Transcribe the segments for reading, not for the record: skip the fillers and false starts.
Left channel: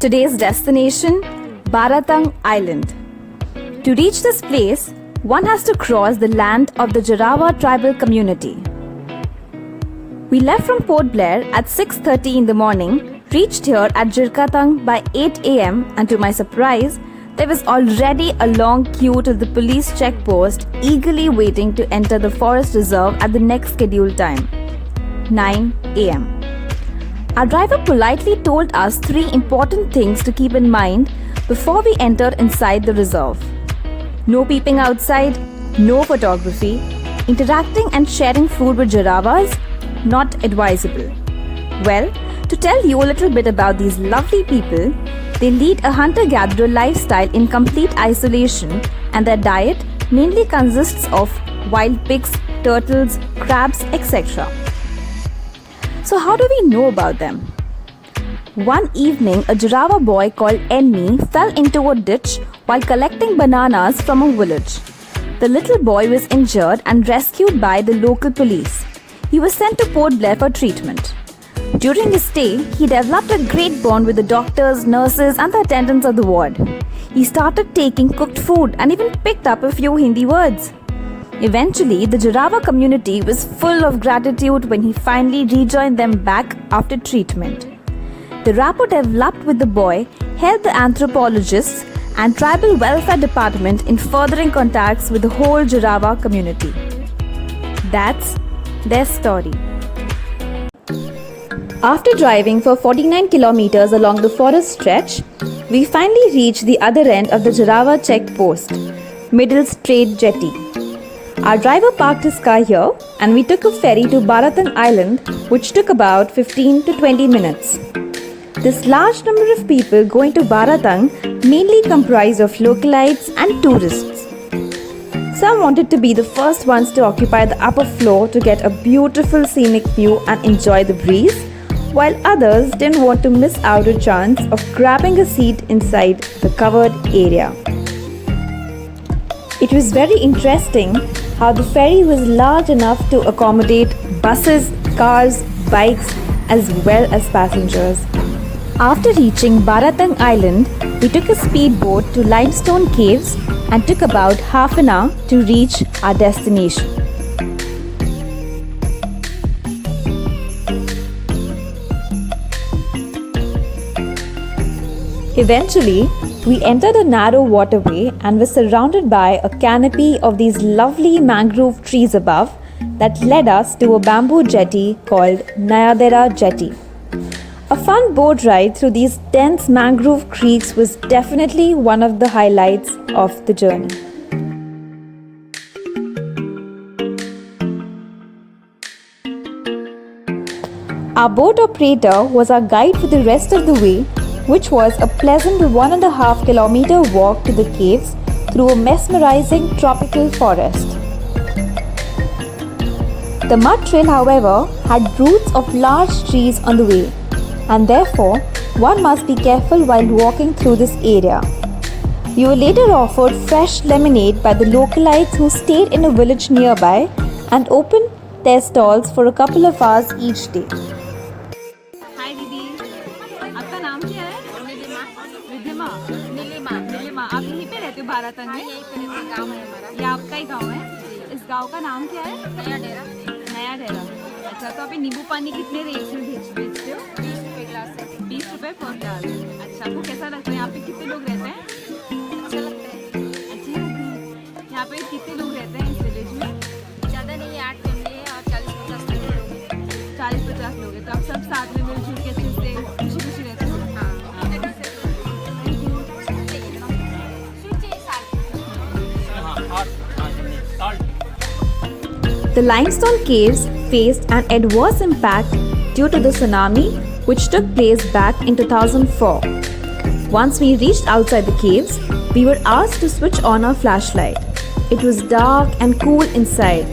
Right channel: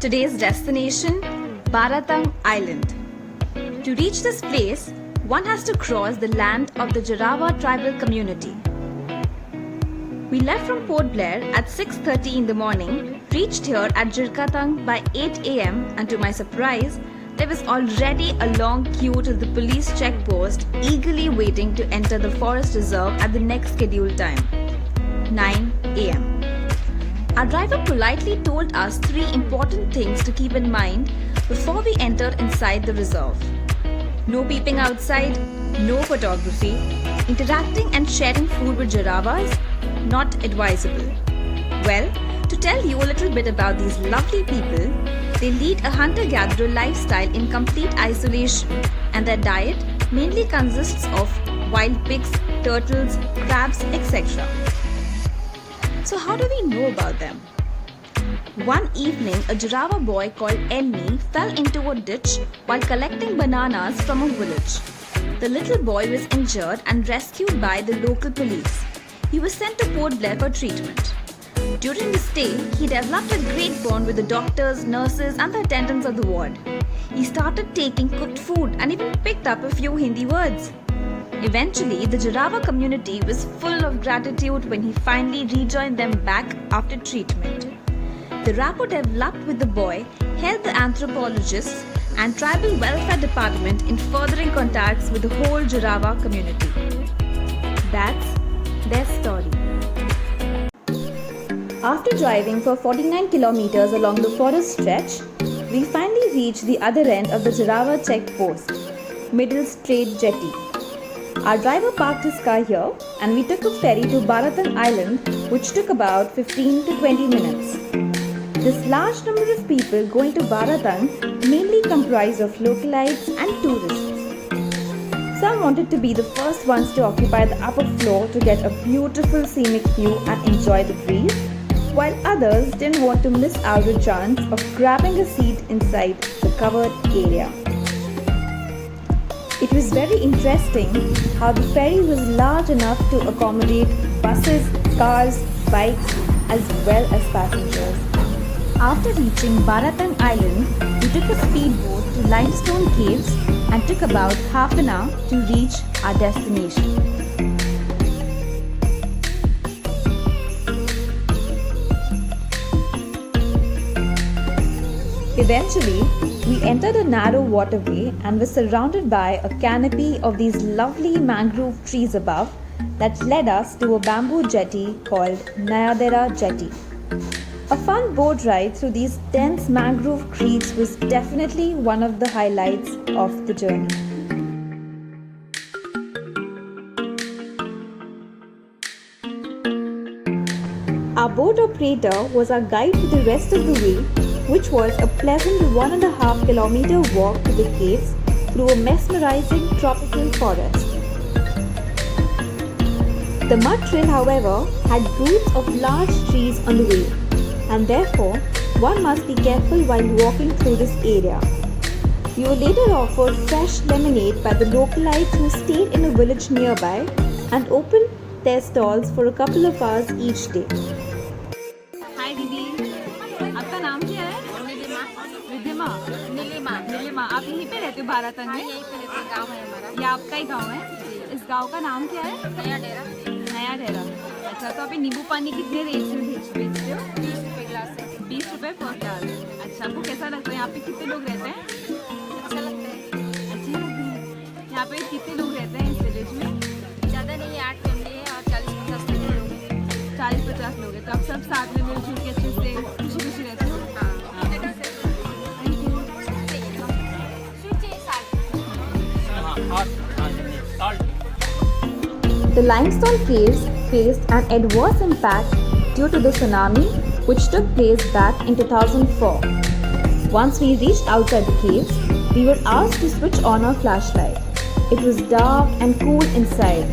Today's destination, Baratang Island. To reach this place, one has to cross the land of the Jarawa tribal community. We left from Port Blair at 6:30 in the morning, reached here at Jirkatang by 8 am, and to my surprise, there was already a long queue to the police checkpost eagerly waiting to enter the forest reserve at the next scheduled time, 9 am. Our driver politely told us 3 important things to keep in mind before we entered inside the reserve. No peeping outside, no photography, interacting and sharing food with Jarawas, not advisable. Well, to tell you a little bit about these lovely people, they lead a hunter-gatherer lifestyle in complete isolation, and their diet mainly consists of wild pigs, turtles, crabs, etc. So how do we know about them? One evening, a Jarawa boy called Enmi fell into a ditch while collecting bananas from a village. The little boy was injured and rescued by the local police. He was sent to Port Blair for treatment. During his stay, he developed a great bond with the doctors, nurses and the attendants of the ward. He started taking cooked food and even picked up a few Hindi words. Eventually, the Jarawa community was full of gratitude when he finally rejoined them back after treatment. The rapport developed with the boy helped the anthropologists and tribal welfare department in furthering contacts with the whole Jarawa community. That's their story. After driving for 49 kilometers along the forest stretch, we finally reached the other end of the Jarawa checkpost, Middle Strait Jetty. Our driver parked his car here and we took a ferry to Baratang Island, which took about 15 to 20 minutes. This large number of people going to Baratang mainly comprised of localites and tourists. Some wanted to be the first ones to occupy the upper floor to get a beautiful scenic view and enjoy the breeze, while others didn't want to miss out a chance of grabbing a seat inside the covered area. It was very interesting how the ferry was large enough to accommodate buses, cars, bikes as well as passengers. After reaching Baratang Island, we took a speedboat to Limestone Caves and took about half an hour to reach our destination. Eventually, we entered a narrow waterway and were surrounded by a canopy of these lovely mangrove trees above that led us to a bamboo jetty called Nayadera Jetty. A fun boat ride through these dense mangrove creeks was definitely one of the highlights of the journey. Our boat operator was our guide for the rest of the way, which was a pleasant 1.5 kilometer walk to the caves through a mesmerizing tropical forest. The mud trail, however, had roots of large trees on the way, and therefore one must be careful while walking through this area. We were later offered fresh lemonade by the localites who stayed in a village nearby and opened their stalls for a couple of hours each day. हाय दीदी, आपका नाम क्या है? रिद्धिमा। नीलिमा। आप यहीं पे रहते हो बारातंग में? यहीं पे रहते, गाँव है हमारा। ये आपका ही गांव है? इस गांव का नाम क्या है? नया डेरा। अच्छा, तो आप ये नींबू पानी कितने रेट में बेचते हो? 20 रुपये गिलास है। 20 रुपये पर गिलास। अच्छा, आपको कैसा लगता है? यहाँ पे कितने लोग रहते हैं? अच्छा लगता है। अच्छे लगते हैं। यहाँ पे कितने लोग रहते हैं इस विलेज में? ज़्यादा नहीं है, 8 फैमिली है और 40-50 लोग हैं। 40-50 लोग हैं, तो आप सब साथ में मिलजुल के अच्छे से खुशी रहते हो? The limestone caves faced an adverse impact due to the tsunami which took place back in 2004. Once we reached outside the caves, we were asked to switch on our flashlight. It was dark and cool inside.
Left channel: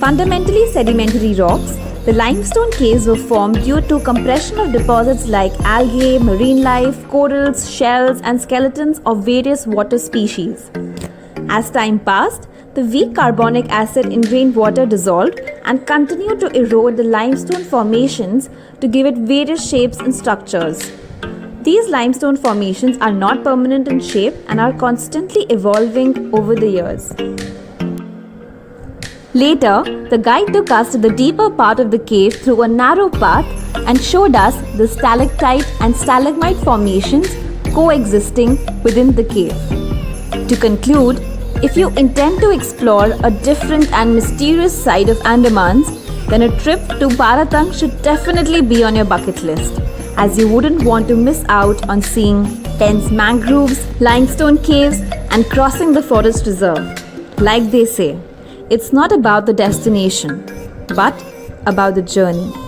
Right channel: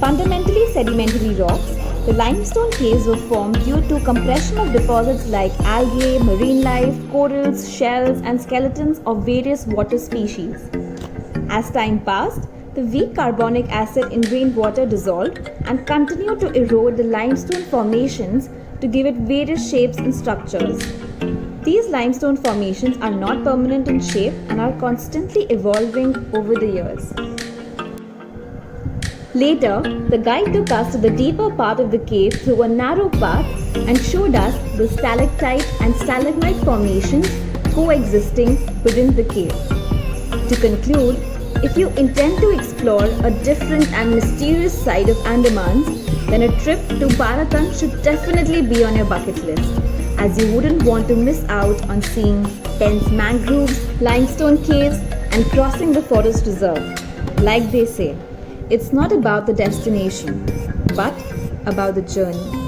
Fundamentally sedimentary rocks, the limestone caves were formed due to compression of deposits like algae, marine life, corals, shells and skeletons of various water species. As time passed, the weak carbonic acid in rainwater dissolved and continued to erode the limestone formations to give it various shapes and structures. These limestone formations are not permanent in shape and are constantly evolving over the years. Later, the guide took us to the deeper part of the cave through a narrow path and showed us the stalactite and stalagmite formations coexisting within the cave. To conclude, if you intend to explore a different and mysterious side of Andamans, then a trip to Bharatang should definitely be on your bucket list, as you wouldn't want to miss out on seeing dense mangroves, limestone caves, and crossing the forest reserve. Like they say, it's not about the destination, but about the journey.